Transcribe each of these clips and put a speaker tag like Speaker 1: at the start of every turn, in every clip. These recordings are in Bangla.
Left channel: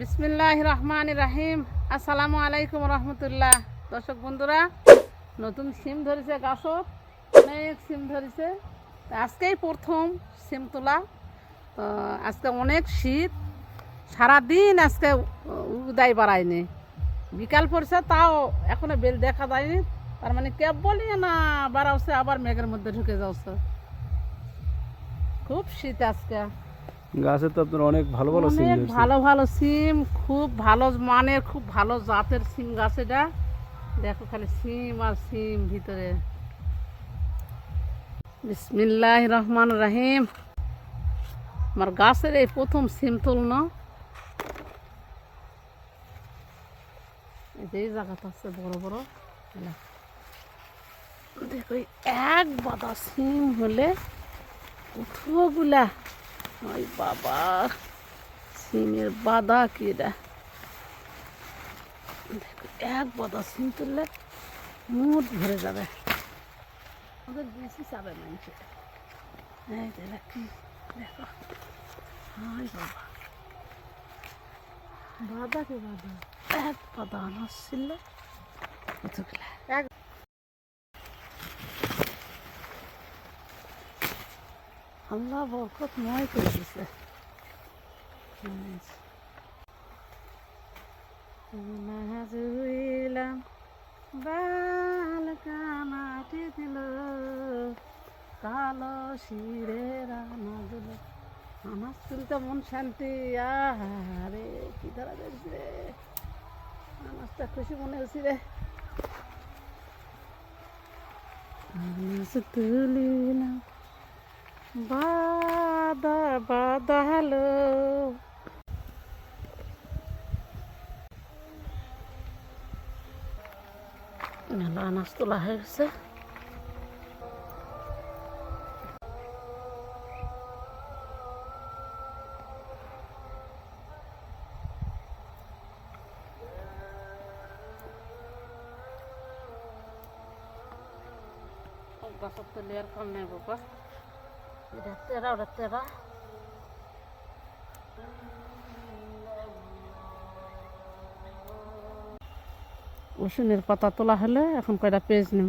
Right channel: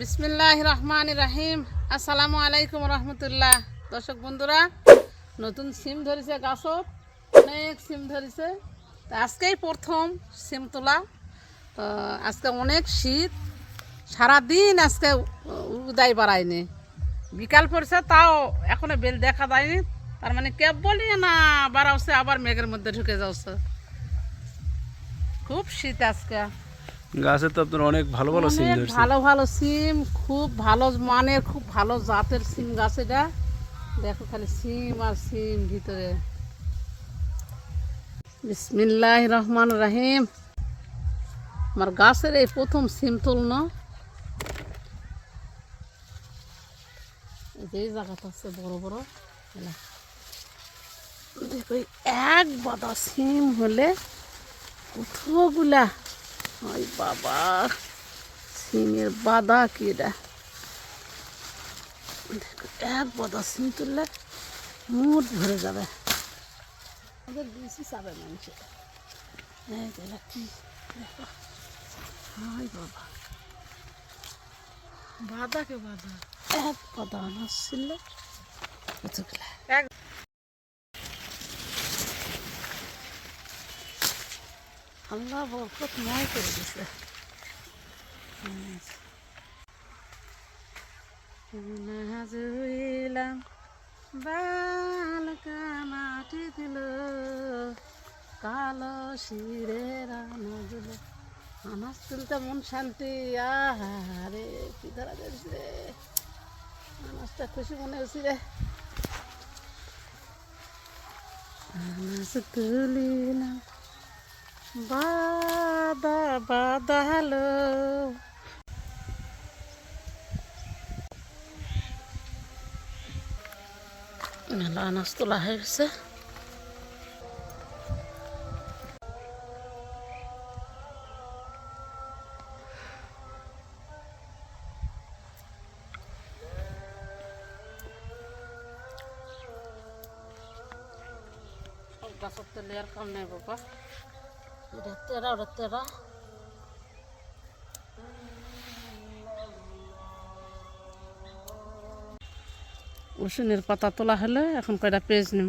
Speaker 1: বিসমিল্লাহ রহমান রাহিম আসসালামু আলাইকুম রহমতুল্লাহ। দর্শক বন্ধুরা, নতুন সিম ধরেছে গাছত অনেক সিম ধরেছে। আজকেই প্রথম সিম তোলা। তো আজকে অনেক শীত, সারাদিন আজকে উদয় বাড়ায়নি। বিকাল পড়ছে, তাও এখনও বেল দেখা যায়নি। তার মানে ক্যাব বলি না বাড়াচ্ছে, আবার মেঘের মধ্যে ঢুকে যাচ্ছে। খুব শীত আজকে।
Speaker 2: গাছে তো আপনার অনেক ভালো ভালো সিম ধরছে।
Speaker 1: ভালো ভালো সিম খুব ভালো মানের খুব ভালো জাতের সিম গাছ এটা। দেখো খালি সিম আর সিম ভিতরে। বিসমিল্লাহ রহমান রাহিম। আমার গাছের এই প্রথম সিম তুলনো। এই জায়গাটা আছে বড় বড়। দেখো এক বাদা সিম হলে কতগুলা ওই বাবা, সিমের বাদা কি এটা এক বাদা সিম তুললে মুঠ ভরে যাবে। বেশি চাবে মানুষ এই দেখো কি দেখো। ওই বাবা। বাদা কে বাদা এক বাদা আনাজ ছিল। আল্লাহ বরকত নয় করে দিছে। নাজুইলাম বাল কামাটি দিল কালো শিরে রানাজুল আনাজ তুলতে মন শান্তি, আহারে, কি ধরা যাচ্ছে রে? আনাজটা খুশি মনে হচ্ছে রে। আনাজ তুলিলাম বাদা বাদা হ্যালো মেলা আনাজ তোলা হয়ে গেছে গাছের তো লেয়ার কম নেই বাবা এটা তেরা ওটা তেরা রসুনের পাতা তোলা হলে এখন কয়টা পেজ নিম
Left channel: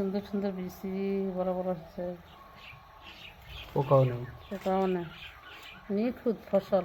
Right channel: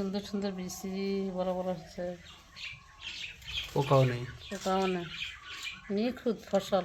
Speaker 1: সুন্দর সুন্দর বেশি বড় বড় হয়েছে।
Speaker 2: পোকাও নেই।
Speaker 1: পোকাও নেই। নিখুঁত ফসল।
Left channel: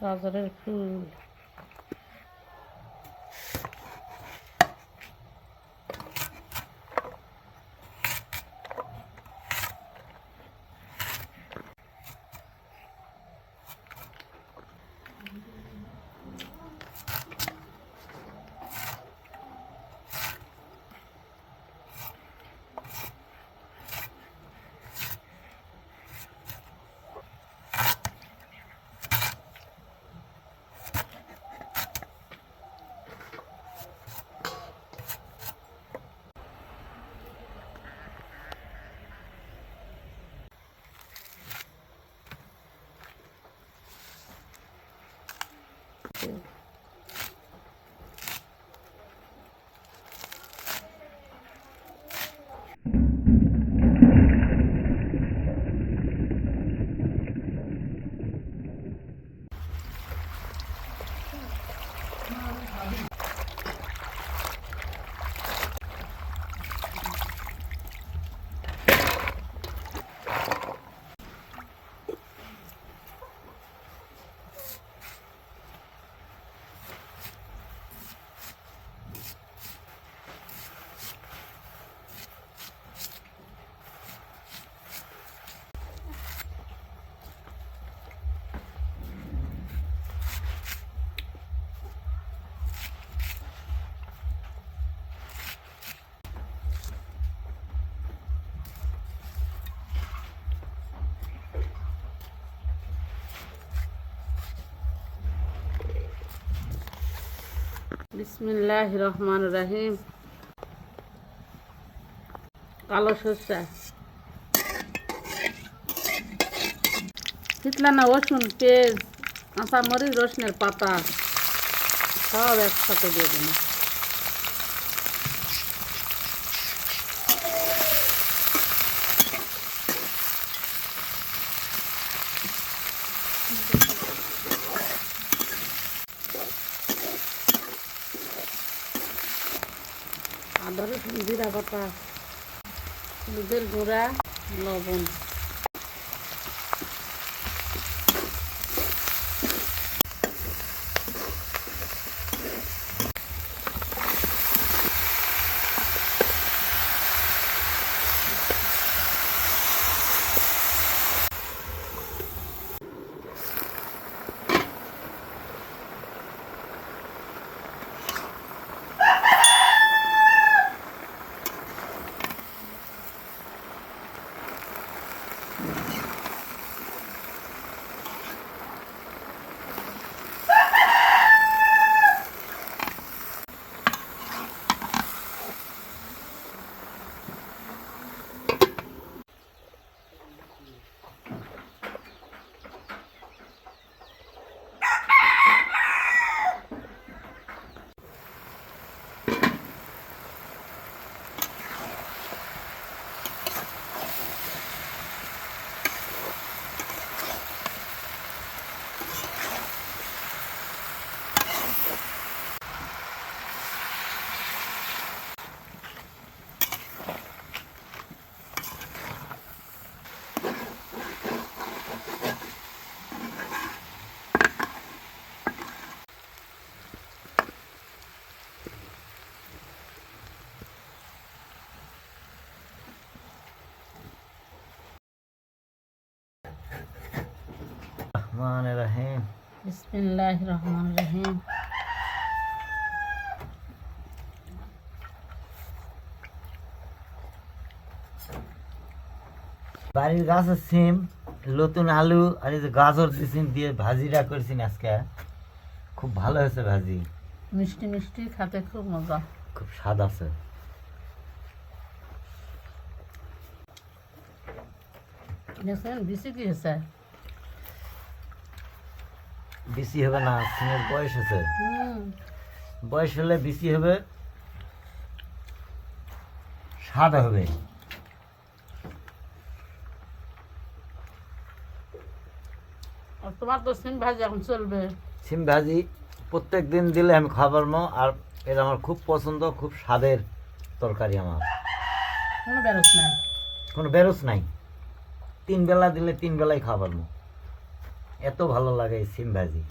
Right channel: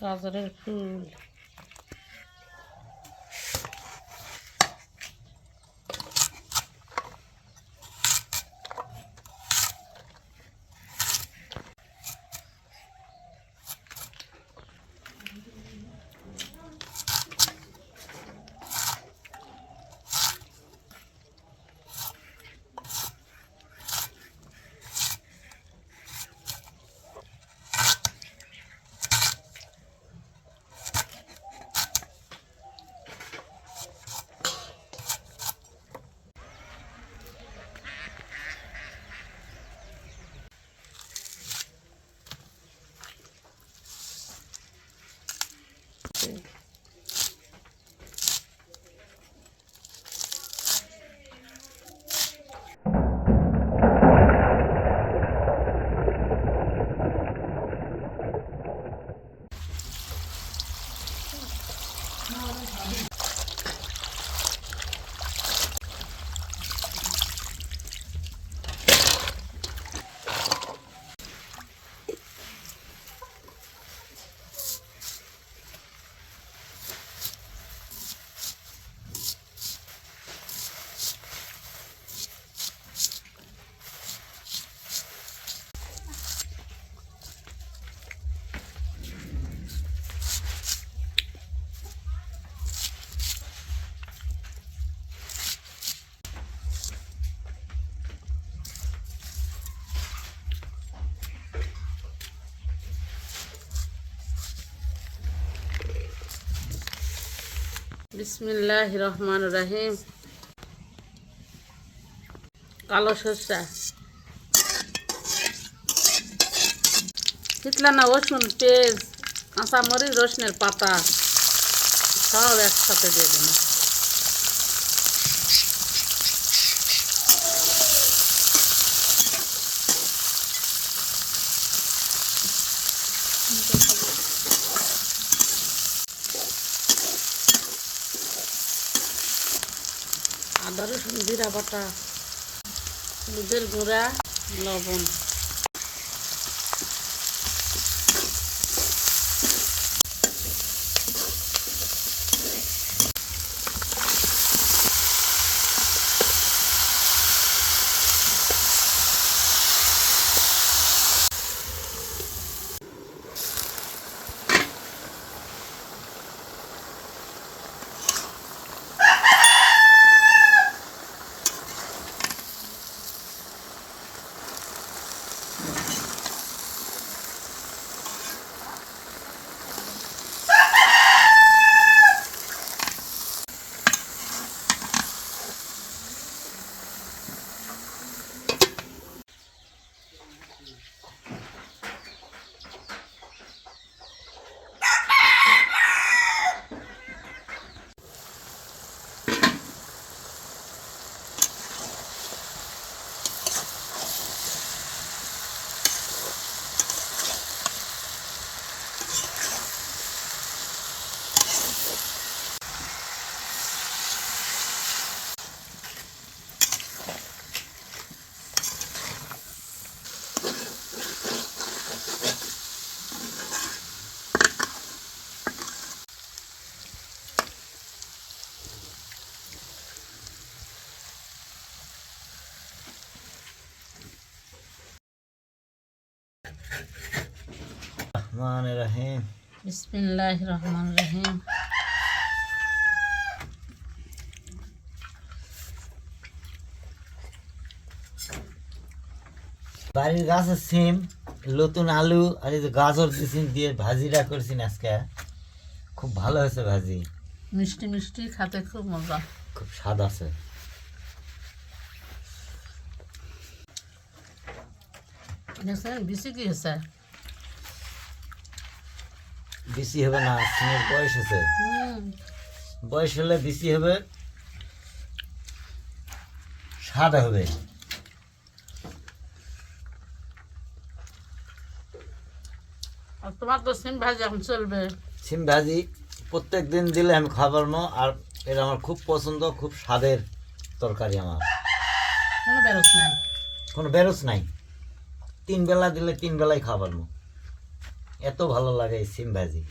Speaker 1: গাজরের ফুল আছে বিসমিল্লাহ রহমান রাহিম কালো সরষা। না রসুন পেঁয়াজ কাঁচা মরিচ, রসুনের পাতা, সব একসাথে দিয়ে দেবো। বাটা হলুদের গুঁড়া লবণ।
Speaker 3: রহমান রহিম
Speaker 1: বিসমিল্লাহ রহমান রহিম
Speaker 3: বাড়ির গাছের সিম নতুন আলু আর এই যে গাজর দিয়েছেন দিয়ে ভাজিটা করেছেন আজকে খুব ভালো হয়েছে ভাজি।
Speaker 1: মিষ্টি মিষ্টি খেতে খুব মজা।
Speaker 3: খুব স্বাদ আছে।
Speaker 1: দেখছেন বেশি কি হয়েছে?
Speaker 3: বেশি হবে না সিমের বয়স আছে। বয়স হলে বেশি হবে স্বাদ হবে।
Speaker 1: তোমার তো সিম ভাজি এখন চলবে।
Speaker 3: সিম ভাজি প্রত্যেক দিন দিলে আমি খাবার মো আর এটা আমার খুব পছন্দ খুব স্বাদের তরকারি আমার।
Speaker 1: কোনো বেরোস নাই।
Speaker 3: কোনো বেরোস নাই। তিন বেলা দিলে তিন বেলায় খাবার মো। এত ভালো লাগে এই সিম ভাজি।